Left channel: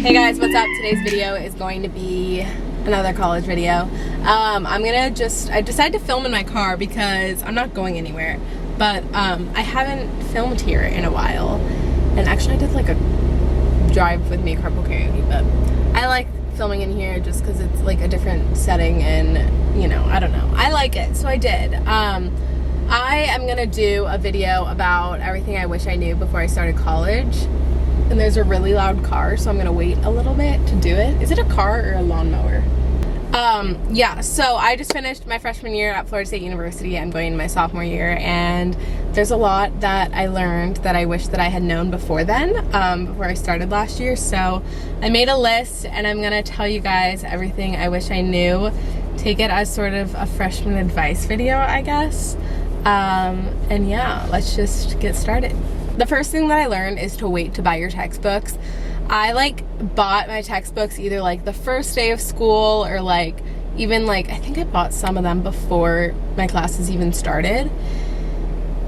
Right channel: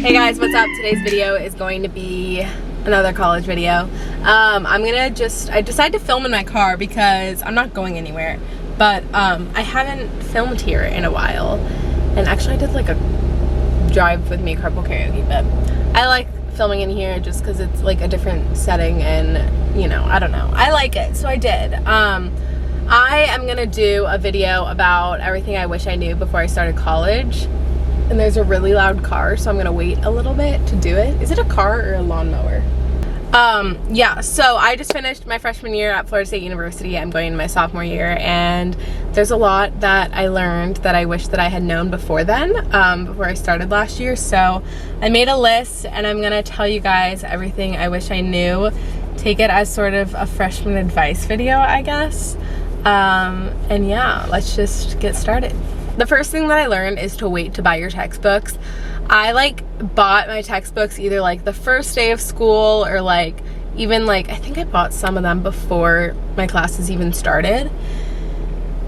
Hey guys, what's up? Today's video is going to be another college video. I decided to film in my car because I'm not going anywhere, but I haven't filmed here in a while. And actually I did like a drive with me carpool karaoke, but I like filming in here just because it's like a different setting and, you know, I don't know. I like it, so I did. I am gonna do a video about everything I wish I knew before I started college. And there's a really loud car, so I'm gonna wait a little bit to do it. Is it a car or a lawnmower? Yeah, so I just finished my freshman year at Florida State University. I'm going into my sophomore year, and there's a lot that I learned that I wish that I had known before then, before I started last year. So I made a list, and I'm gonna tell you guys everything I wish I knew. Take it as sort of a freshman advice video, I guess. And yeah, let's just get started. The first thing that I learned is to wait to buy your textbooks. I like bought my textbooks either like the first day of school or like even like, I think I bought some of them before my classes even started.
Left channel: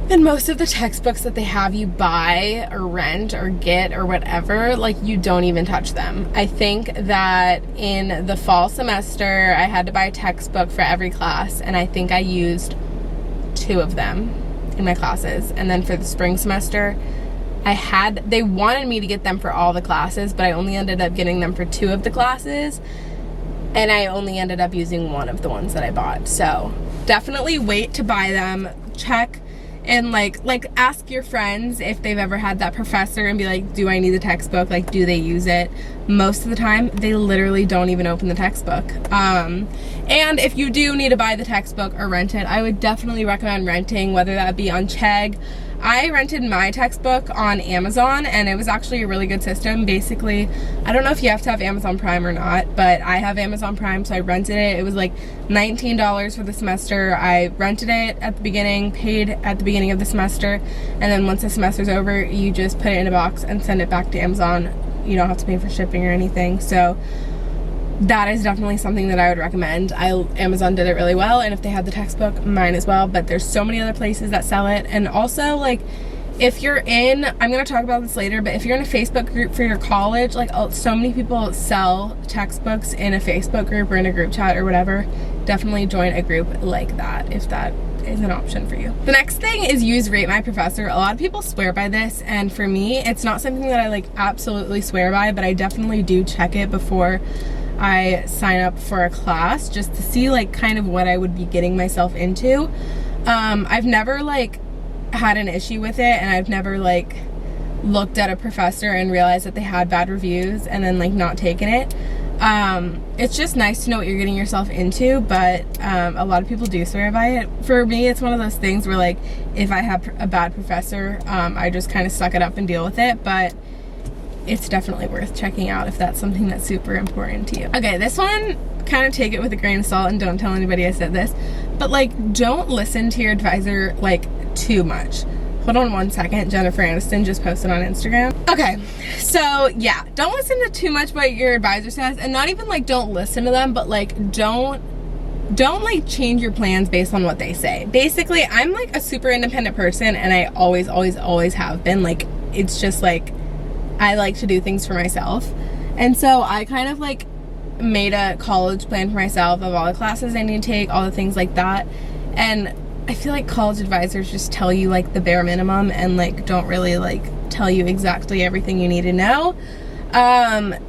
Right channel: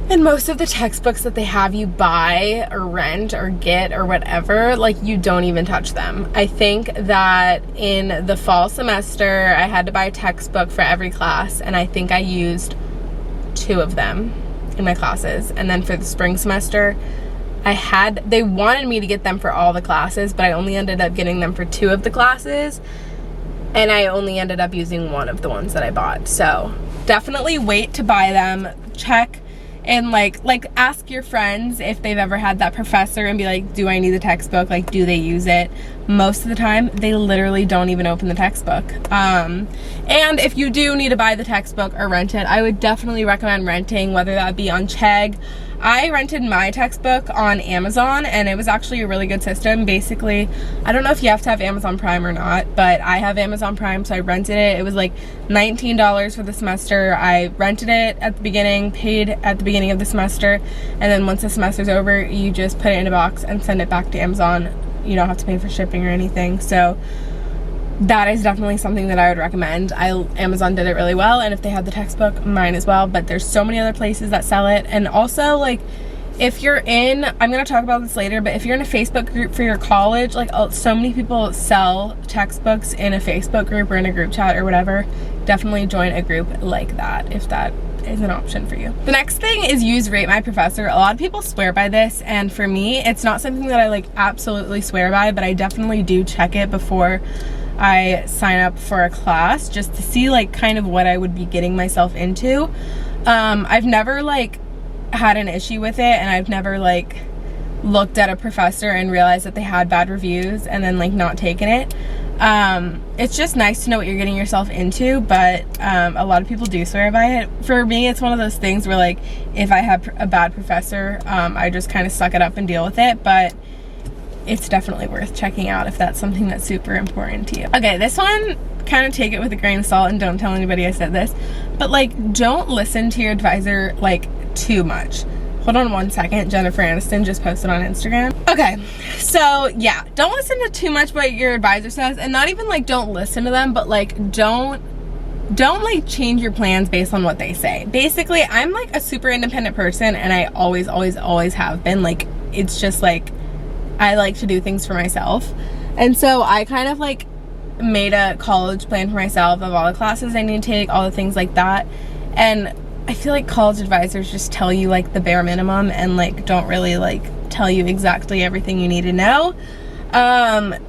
And most of the textbooks that they have you buy or rent or get or whatever, like you don't even touch them. I think that in the fall semester, I had to buy a textbook for every class, and I think I used 2 of them in my classes. And then for the spring semester, they wanted me to get them for all the classes, but I only ended up getting them for 2 of the classes, and I only ended up using 1 of the ones that I bought. So definitely wait to buy them. Check and like ask your friends if they've ever had that professor and be like, do I need the textbook? Like, do they use it? Most of the time they literally don't even open the textbook. And if you do need to buy the textbook or rent it, I would definitely recommend renting, whether that be on Chegg. I rented my textbook on Amazon, and it was actually a really good system. Basically, I don't know if you have to have Amazon Prime or not, but I have Amazon Prime, so I rented it. It was like $19 for the semester. I rented it at the beginning, paid at the beginning of the semester, and then once the semester's over, you just put it in a box and send it back to Amazon. You don't have to pay for shipping or anything. So that is definitely something that I would recommend. Amazon did it really well, and if they had the textbook, mine as well, but there's so many other places that sell it. And also, like, if you're in, I'm gonna talk about this later, but if you're in a Facebook group for your college, like so many people sell textbooks in a Facebook group or in a group chat or whatever, definitely join a group like that if that is an option for you. The next thing is use Rate My Professor. A lot of people swear by this, and for me, it's not something that I like absolutely swear by, but I definitely do check it before I sign up for a class, just to see like kind of what I would be getting myself into. I've never like had an issue with it, and I've never like looked at a professor and realized that they had bad reviews and then like not taken it. It's just nice to know what you're getting yourself into, but a lot of people do swear by it. For me, it's one of those things where like if I have a bad professor, I just kind of suck it up and deal with it, but it's definitely worth checking out if that's something that's super important to you. Okay, this one, kind of take it with a grain of salt and don't tell anybody I said this, but like don't listen to your advisor like too much. Hold on one second, Jennifer Aniston just posted on Instagram. Okay, so yeah, don't listen to too much what your advisor says, and not even like don't listen to them, but like don't like change your plans based on what they say. Basically, I'm like a super independent person, and I always have been. Like, it's just like I like to do things for myself. And so I kind of like made a college plan for myself of all the classes I need to take, all the things like that. And I feel like college advisors just tell you like the bare minimum and like don't really like tell you exactly everything you need to know.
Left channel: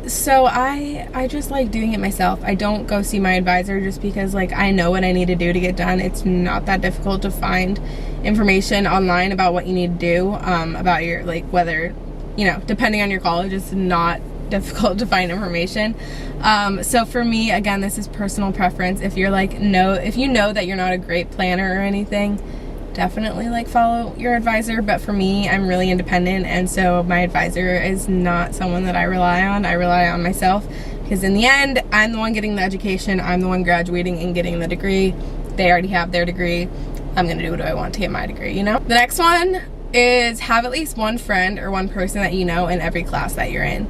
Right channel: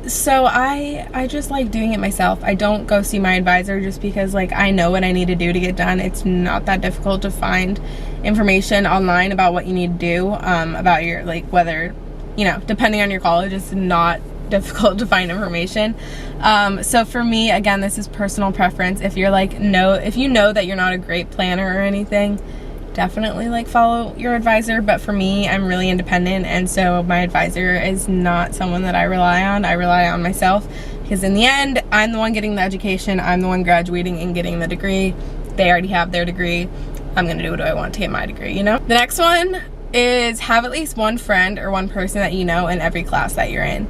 So I just like doing it myself. I don't go see my advisor just because like I know what I need to do to get done. It's not that difficult to find information online about what you need to do, about your like whether, you know, depending on your college, it's not difficult to find information. So for me, again, this is personal preference. If you're like, if you know that you're not a great planner or anything, definitely like follow your advisor. But for me, I'm really independent, and so my advisor is not someone that I rely on. I rely on myself, because in the end, I'm the one getting the education. I'm the one graduating and getting the degree. They already have their degree. I'm gonna do what I want to get my degree, you know? The next one is have at least one friend or one person that you know in every class that you're in.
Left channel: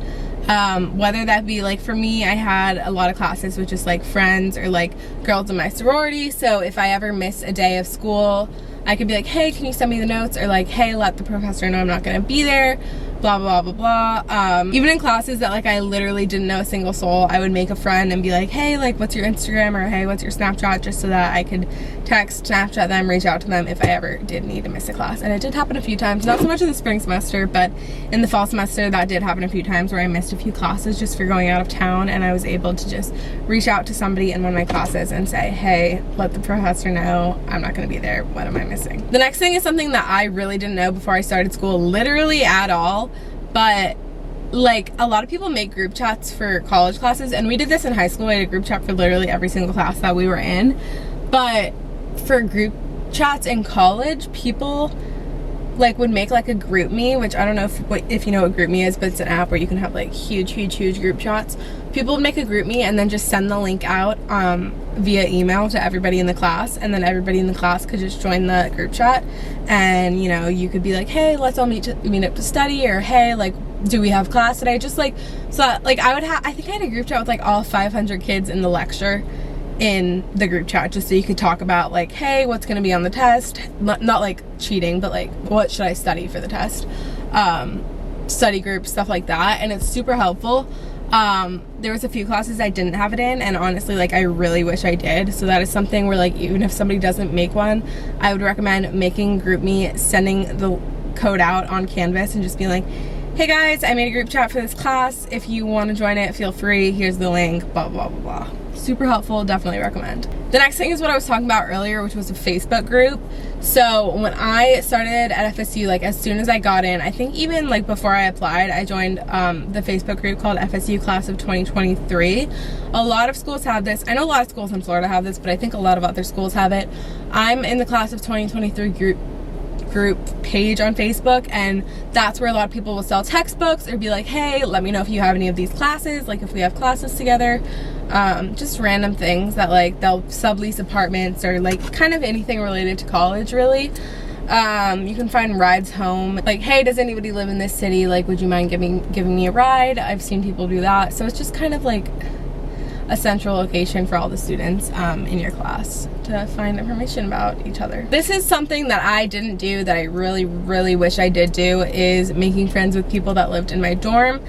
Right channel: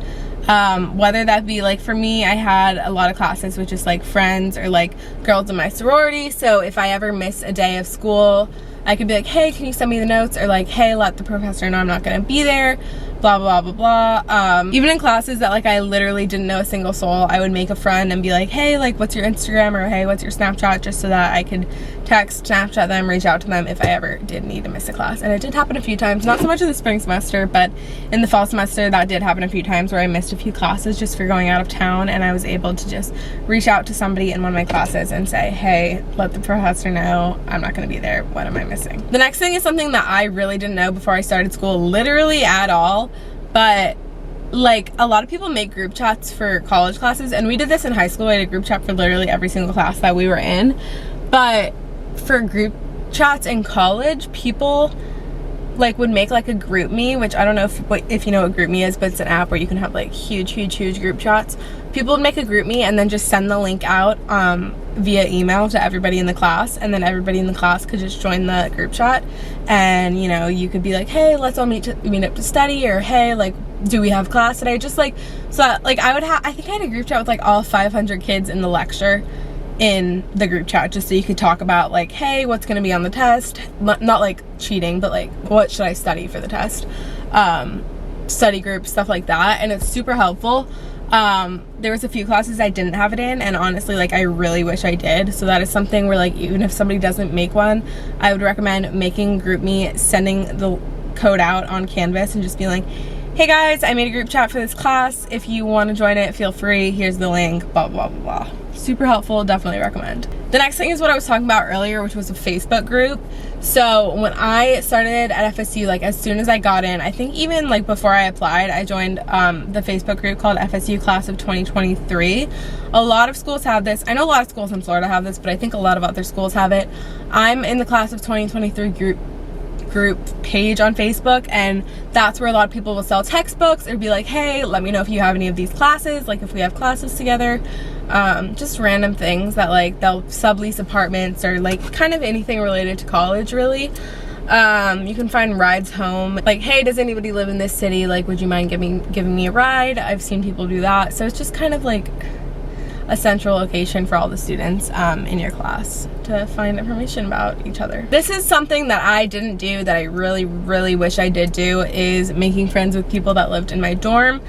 Whether that be like, for me, I had a lot of classes with just like friends or like girls in my sorority, so if I ever miss a day of school, I could be like, hey, can you send me the notes? Or like, hey, let the professor know I'm not gonna be there. blah blah blah blah blah. Even in classes that like I literally didn't know a single soul, I would make a friend and be like, hey, like what's your Instagram, or hey, what's your Snapchat, just so that I could text, Snapchat them, reach out to them if I ever did need to miss a class. And it did happen a few times, not so much in the spring semester, but in the fall semester that did happen a few times where I missed a few classes just for going out of town, and I was able to just reach out to somebody in one of my classes and say, hey, let the professor know I'm not going to be there, what am I missing? The next thing is something that I really didn't know before I started school, literally at all, but like a lot of people make group chats for college classes, and we did this in high school. I had a group chat for literally every single class that we were in, but for group chats in college, people like would make like a group me, which I don't know if you know what group me is, but it's an app where you can have like huge group chats. People would make a group me and then just send the link out via email to everybody in the class, and then everybody in the class could just join the group chat, and you know, you could be like, hey, let's all meet up to study, or hey, like, do we have class today? Just like, so that, like I think I had a group chat with like all 500 kids in the lecture in the group chat, just so you could talk about like, hey, what's going to be on the test, not like cheating, but like what should I study for the test, study group, stuff like that. And it's super helpful. There was a few classes I didn't have it in, and honestly, like I really wish I did. So that is something where like even if somebody doesn't make one, I would recommend making GroupMe, sending the code out on Canvas and just being like, hey guys, I made a group chat for this class, if you want to join it, feel free, here's the link, blah blah blah blah. Super helpful, definitely recommend. The next thing is what I was talking about earlier, which was a Facebook group. So when I started at FSU, like as soon as I got in, I think even like before I applied, I joined the Facebook group called FSU Class of 2023. A lot of schools have this. I know a lot of schools in Florida have this, but I think a lot of other schools have it. I'm in the Class of 2023 group page on Facebook, and that's where a lot of people will sell textbooks or be like, hey, let me know if you have any of these classes, like if we have classes together, just random things that like they'll sublease apartments or like kind of anything related to college, really. You can find rides home, like, hey, does anybody live in this city, like would you mind giving me a ride? I've seen people do that. So it's just kind of like a central location for all the students in your class to find information about each other. This is something that I didn't do that I really wish I did do, is making friends with people that lived in my dorm.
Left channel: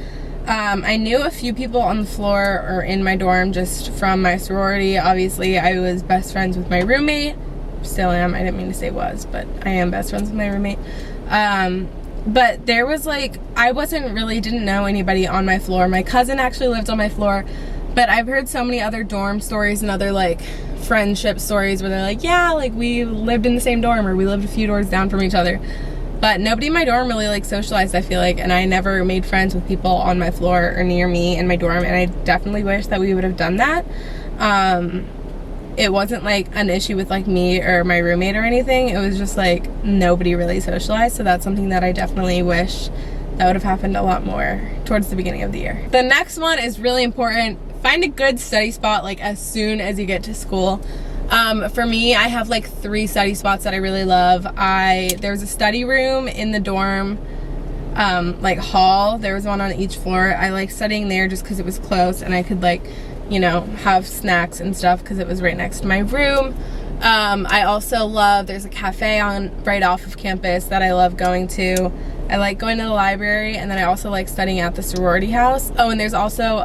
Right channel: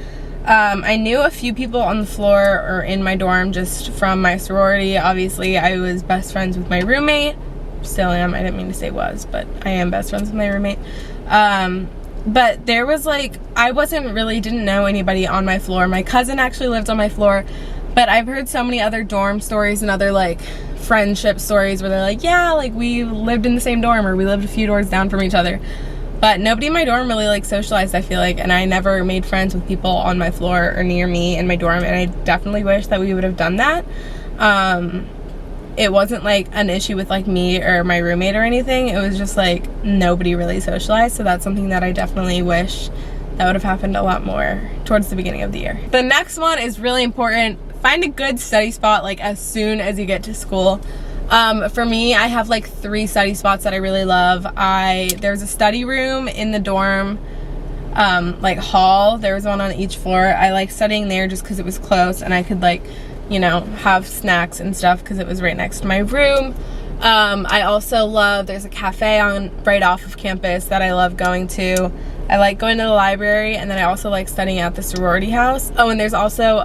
I knew a few people on the floor or in my dorm just from my sorority. Obviously I was best friends with my roommate, still am, I didn't mean to say was, but I am best friends with my roommate. But there was like, I didn't know anybody on my floor. My cousin actually lived on my floor, but I've heard so many other dorm stories and other like friendship stories where they're like, yeah, like we lived in the same dorm, or we lived a few doors down from each other. But nobody in my dorm really like socialized, I feel like, and I never made friends with people on my floor or near me in my dorm, and I definitely wish that we would have done that. It wasn't like an issue with like me or my roommate or anything. It was just like nobody really socialized, so that's something that I definitely wish that would have happened a lot more towards the beginning of the year. The next one is really important. Find a good study spot like as soon as you get to school. For me, I have like 3 study spots that I really love. There's a study room in the dorm like hall. There was one on each floor. I like studying there just because it was close and I could like, you know, have snacks and stuff because it was right next to my room. I also love, there's a cafe right off of campus that I love going to. I like going to the library, and then I also like studying at the sorority house. Oh, and there's also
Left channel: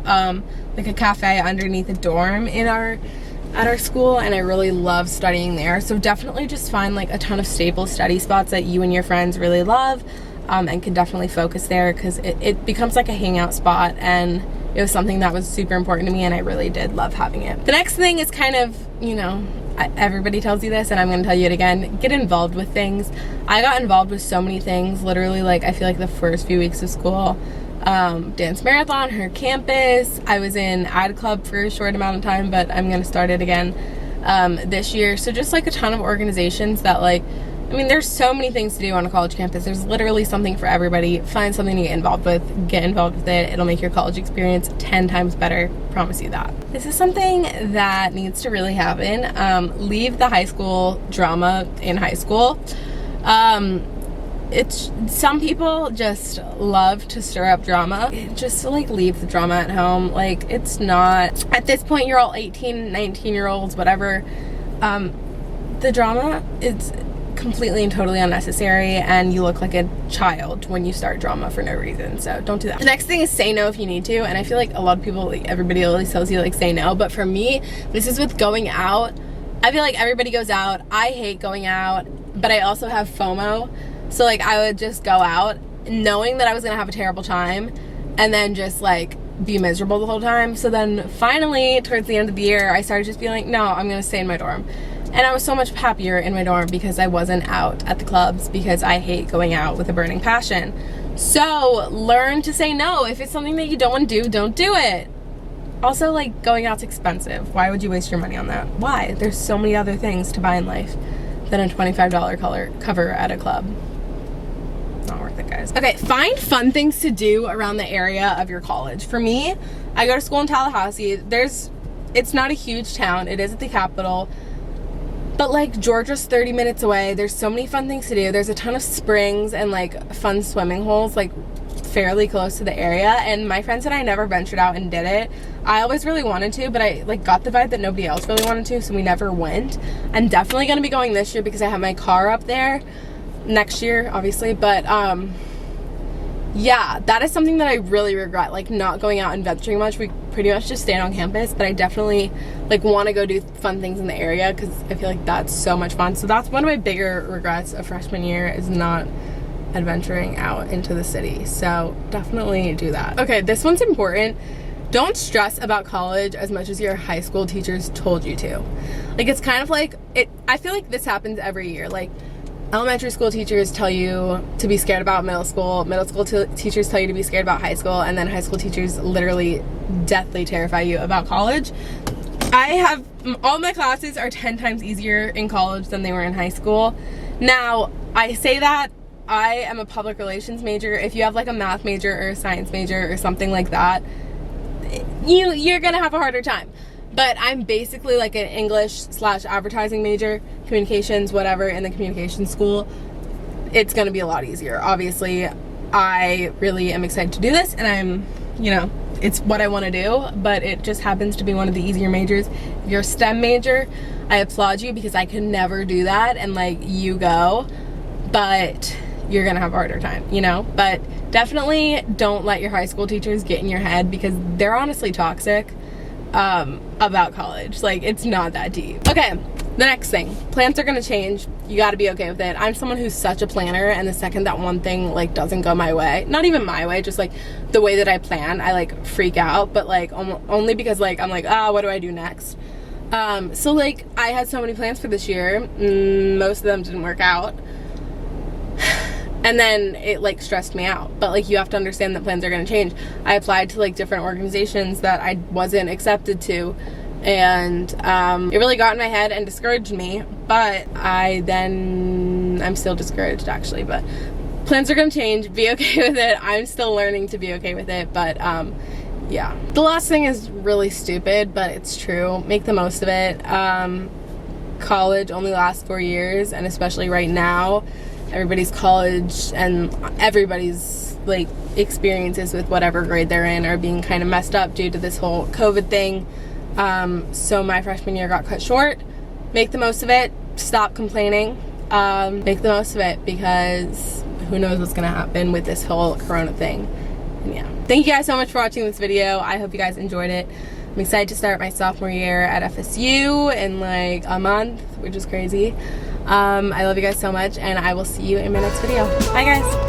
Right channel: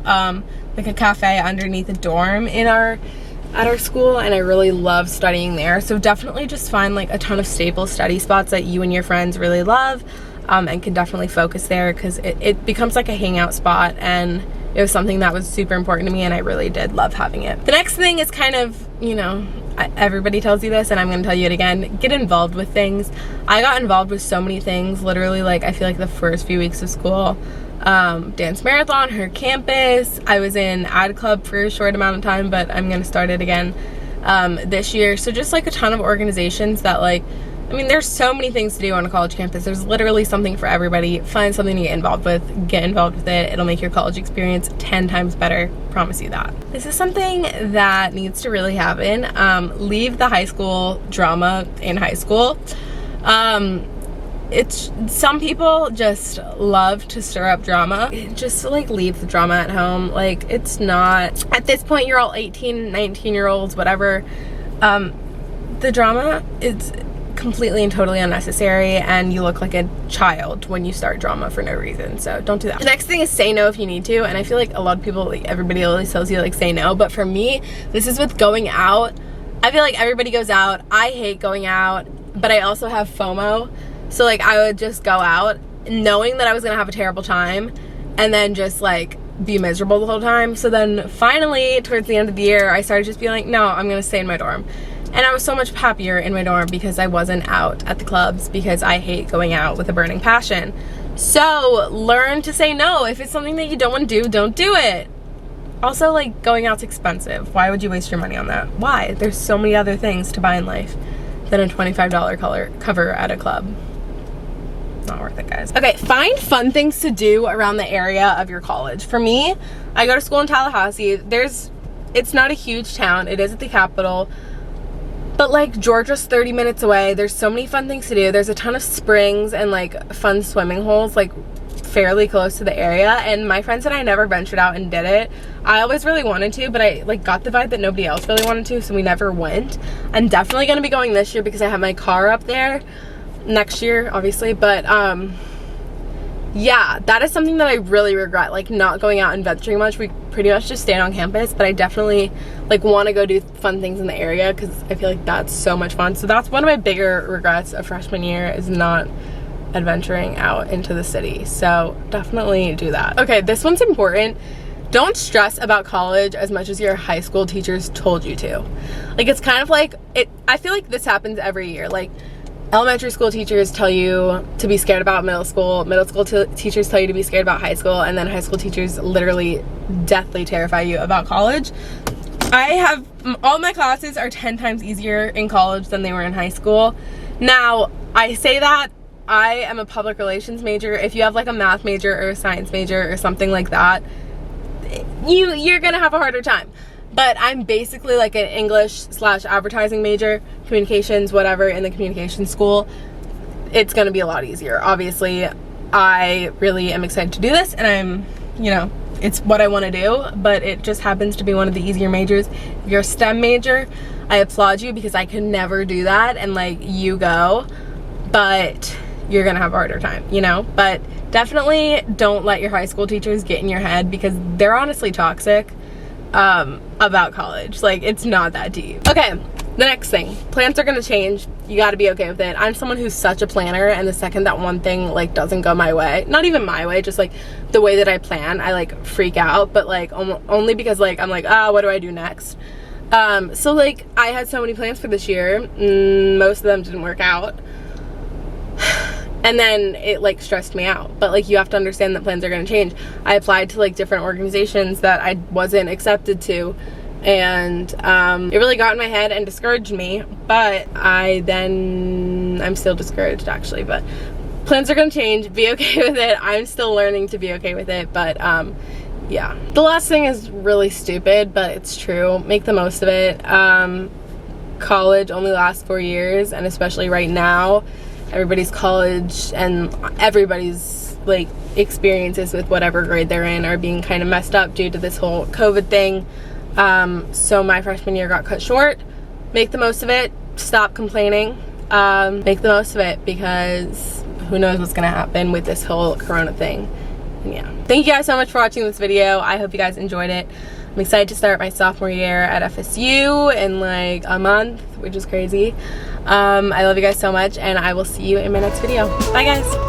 like a cafe underneath the dorm at our school, and I really love studying there. So definitely just find like a ton of staple study spots that you and your friends really love, and can definitely focus there, because it becomes like a hangout spot, and it was something that was super important to me, and I really did love having it. The next thing is kind of, you know, everybody tells you this and I'm gonna tell you it again, get involved with things. I got involved with so many things, literally, like I feel like the first few weeks of school. Dance marathon, her campus, I was in ad club for a short amount of time, but I'm gonna start it again this year. So just like a ton of organizations that like, I mean, there's so many things to do on a college campus. There's literally something for everybody. Find something to get involved with it. It'll make your college experience 10 times better, promise you that. This is something that needs to really happen. Leave the high school drama in high school. Some people just love to stir up drama. Just to like leave the drama at home. Like, it's not, at this point you're all 18, 19-year-olds, whatever. The drama is completely and totally unnecessary, and you look like a child when you start drama for no reason. So don't do that. The next thing is say no if you need to, and I feel like a lot of people, like everybody always tells you like say no, but for me, this is with going out. I feel like everybody goes out. I hate going out, but I also have FOMO. So like I would just go out knowing that I was gonna have a terrible time and then just like be miserable the whole time. So then finally towards the end of the year, I started just being like, no, I'm gonna stay in my dorm. And I was so much happier in my dorm because I wasn't out at the clubs, because I hate going out with a burning passion. So learn to say no. If it's something that you don't want to do, don't do it. Also, like, going out's expensive. Why would you waste your money on that? Why? There's so many other things to buy in life than a $25 cover at a club. Not worth it, guys. Okay, find fun things to do around the area of your college. For me, I go to school in Tallahassee. It's not a huge town. It is at the capital. But like Georgia's 30 minutes away. There's so many fun things to do. There's a ton of springs and like fun swimming holes like fairly close to the area, and my friends and I never ventured out and did it. I always really wanted to, but I like got the vibe that nobody else really wanted to, so we never went. I'm definitely gonna be going this year because I have my car up there. Next year, obviously, but yeah, that is something that I really regret, like not going out and venturing much. We pretty much just stayed on campus, but I definitely like want to go do fun things in the area because I feel like that's so much fun. So that's one of my bigger regrets of freshman year, is not adventuring out into the city. So definitely do that. Okay, this one's important. Don't stress about college as much as your high school teachers told you to. Like, it's kind of like I feel like this happens every year. Like, elementary school teachers tell you to be scared about middle school teachers tell you to be scared about high school, and then high school teachers literally deathly terrify you about college. All my classes are 10 times easier in college than they were in high school. Now, I say that I am a public relations major. If you have like a math major or a science major or something like that, you're gonna have a harder time. But I'm basically like an English/advertising major, communications, whatever, in the communication school. It's gonna be a lot easier. Obviously, I really am excited to do this, and it's what I want to do, but it just happens to be one of the easier majors. If you're a STEM major, I applaud you because I could never do that, and like, you go, but you're gonna have a harder time, but definitely don't let your high school teachers get in your head, because they're honestly toxic about college. Like, it's not that deep. Okay, the next thing, plans are gonna change. You got to be okay with it. I'm someone who's such a planner, and the second that one thing like doesn't go my way, not even my way, just like the way that I plan, I like freak out, but like only because like I'm like, what do I do next? So like I had so many plans for this year. Most of them didn't work out. And then it like stressed me out. But like, you have to understand that plans are going to change. I applied to like different organizations that I wasn't accepted to, and it really got in my head and discouraged me. But I'm still discouraged actually, but plans are going to change. Be okay with it. I'm still learning to be okay with it, but yeah. The last thing is really stupid, but it's true. Make the most of it. College only lasts 4 years, and especially right now, everybody's college and everybody's like experiences with whatever grade they're in are being kind of messed up due to this whole COVID thing. So my freshman year got cut short. Make the most of it. Stop complaining. Make the most of it, because who knows what's gonna happen with this whole corona thing. And yeah, thank you guys so much for watching this video. I hope you guys enjoyed it. I'm excited to start my sophomore year at FSU in like a month, which is crazy. I love you guys so much, and I will see you in my next video. Bye guys.